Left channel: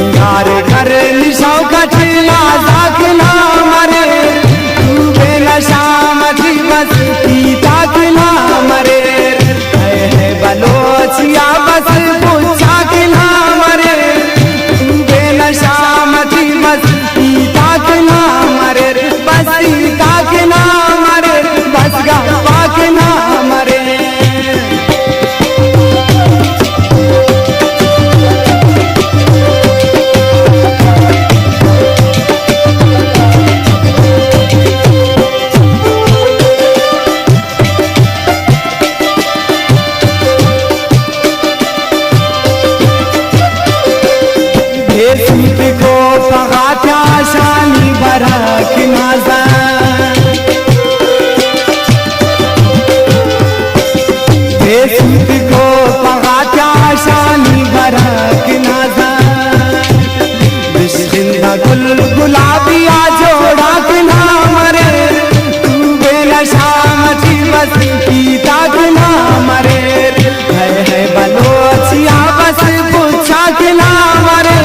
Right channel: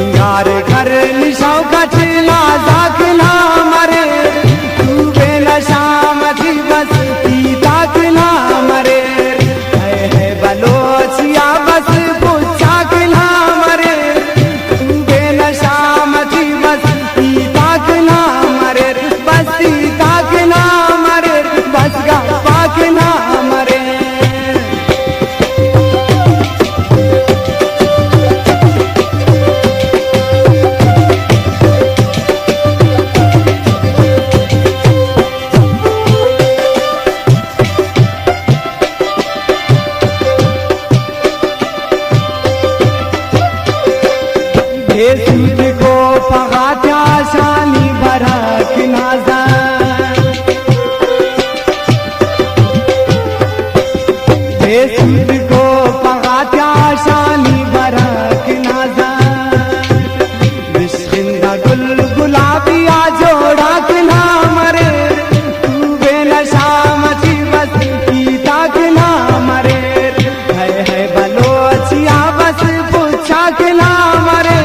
सिंगार कर निशाओ कचना जाक ना मरे तू बेनशा मची बस पीता के ना मरे है बलोचिया बस पूछा के ना मरे तू बेनशा मची बस पीता के ना मरे बस पीता के ना मरे बस गप्पा के ना मरे सूत को पगाता शानी बरक नाजा सूत को पगाता शानी बरक नाजा बिस्मिल्लाह गुल गुलाबिया जोड़ा के ना मरे तू बेनशा मची बस पीता के ना मरे है बलोचिया बस पूछा के ना मरे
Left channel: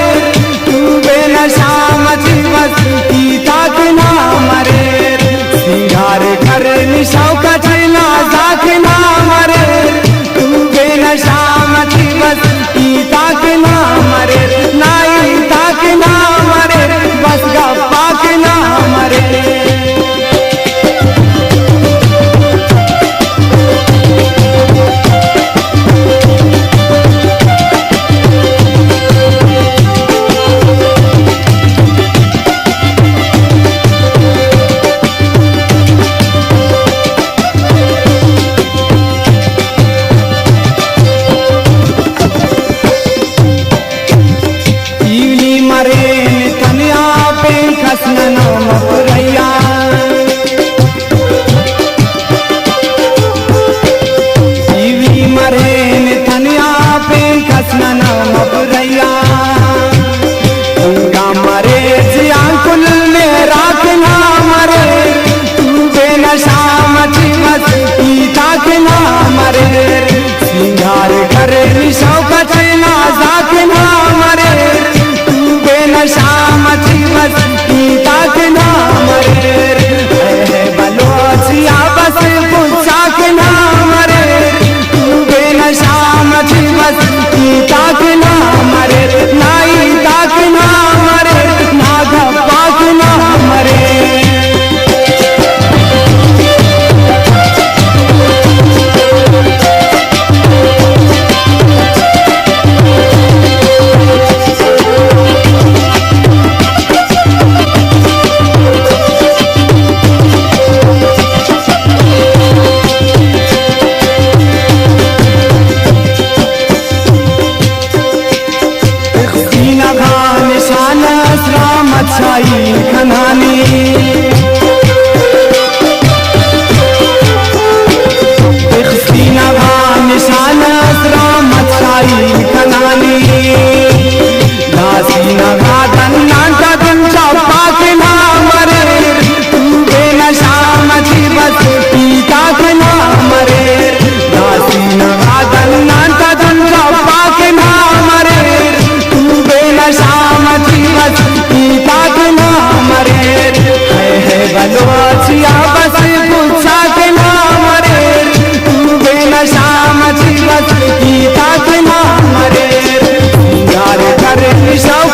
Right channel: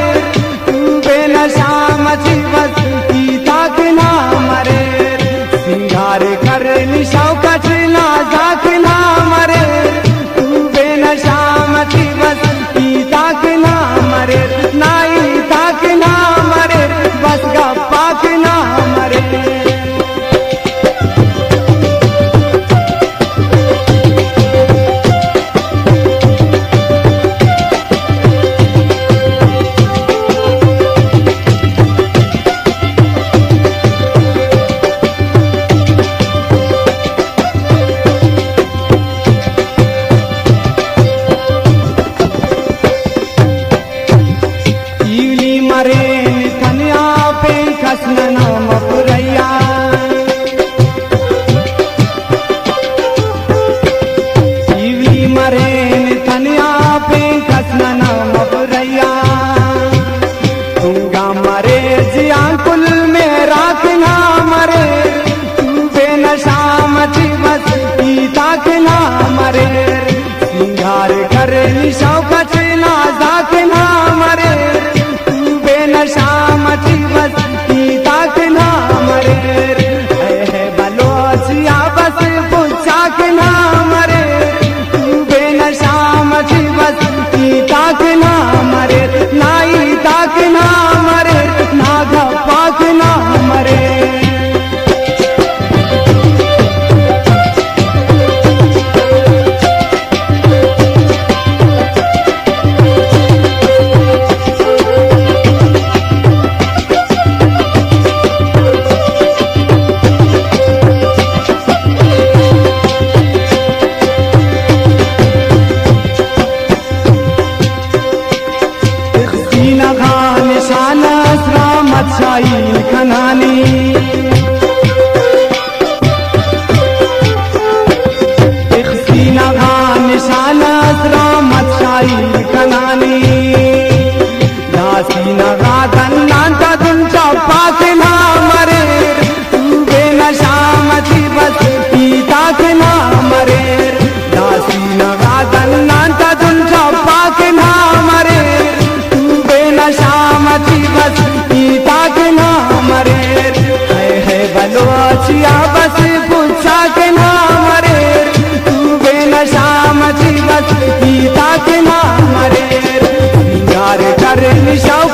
बेनशा मची बस पीता के ना मरे सिंगार कर निशाओ कचना जाक ना मरे तू बेनशा मची बस पीता के ना मरे नाई ताक ना मरे बस गप्पा के ना मरे कसना मपुरैया जीवी मरेन तनिया पे कसना मपुरैया गंगा मरे जिया कुल में राख ना मरे तू बेनशा मची बस पीता के ना मरे सिंगार करे निशाओ कचना जाक ना मरे तू बेनशा मची बस पीता के ना मरे है बलोचिया बस पूछा के ना मरे तू बेनशा मची बस पीता के ना मरे नाई ताक ना मरे ना गप्पा के ना मरे अच्छाई खनानी सीना भान निशान राम अच्छाई खनानी सीना गादन नाटा दिन चौपा के ना मरे तू बेनशा मची बस पीता के ना मरे सीना गादन नाटा दिन चौपा के ना मरे तू बेनशा मची बस पीता के ना मरे है बलोचिया बस पूछा के ना मरे तू बेनशा मची बस पीता के ना मरे सिंगार कर निशाओ